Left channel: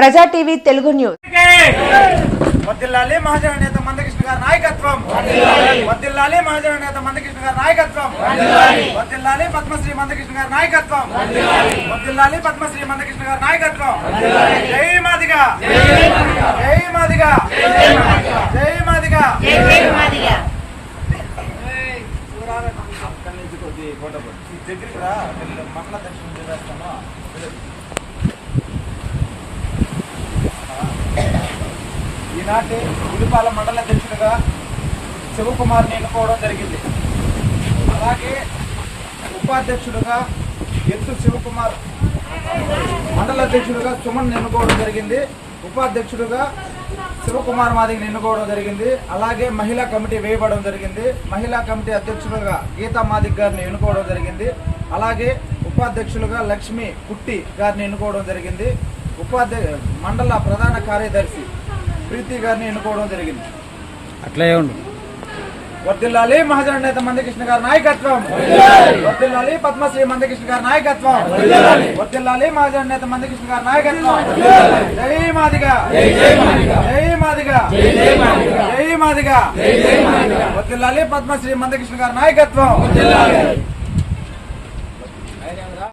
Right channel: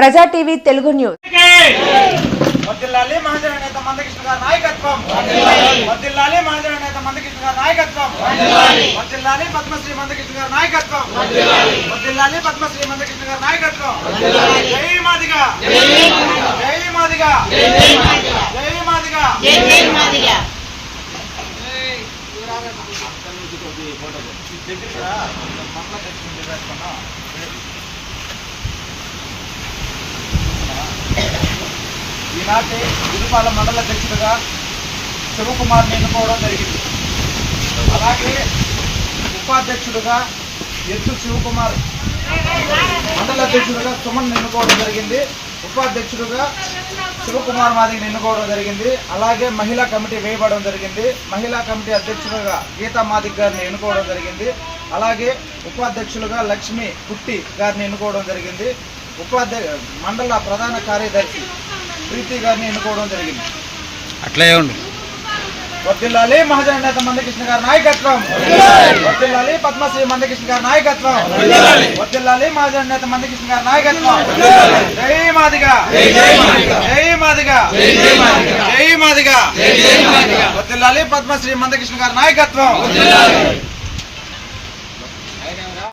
ప్రజా TV Telugu news. వర్ధిల్లాలి మహాజన నేత మందకృష్ణ గారి నాయకత్వం. వర్ధిల్లాలి మహాజన నేత మందకృష్ణ గారి నాయకత్వం. వర్ధిల్లాలి పద్మశ్రీ మందకృష్ణ గారి నాయకత్వం. వర్ధిల్లాలి పద్మశ్రీ మందకృష్ణ గారి నాయకత్వం. జై మాదిగా, జై మాదిగా, జై మాదిగా. ఈనాటి గుడిపాల మండల అధ్యక్షుడిగా శివకుమార్ని ఎన్నుకోవడం జరిగింది. అలాగే ఉపాధ్యక్షుడిగా ఎత్తు శివకుమార్, మండల అధ్యక్షుడిగా సుమన్ ఎన్నుకోవడం జరిగింది. ఉపాధ్యక్షుడిగా శివకుమార్ మాదిగని ఎన్నుకోవడం జరిగింది. అలాగే మహిళా కమిటీ వేయబడడం జరిగింది. మహిళా కమిటీ అధ్యక్షుడిగా గీతా మాదిక్ గారిని ఎన్నుకోవడం జరిగింది. అలాగే ఉపాధ్యక్షులుగా లక్ష్మి పుట్టి గారిని ఎన్నుకోవడం జరిగింది. మండల ప్రధాన కార్యదర్శి ప్రీతి గారిని ఎన్నుకోవడం జరిగింది. అట్లే ఉండు. వర్ధిల్లాలి మహాజన నేత మందకృష్ణ గారి నాయకత్వం. వర్ధిల్లాలి పద్మశ్రీ మందకృష్ణ గారి నాయకత్వం. వర్ధిల్లాలి మహాజన నేత మందకృష్ణ గారి నాయకత్వం. జై మాదిగా, జై మాదిగా, జై మాదిగా. వర్ధిల్లాలి పద్మశ్రీ మందకృష్ణ గారి నాయకత్వం.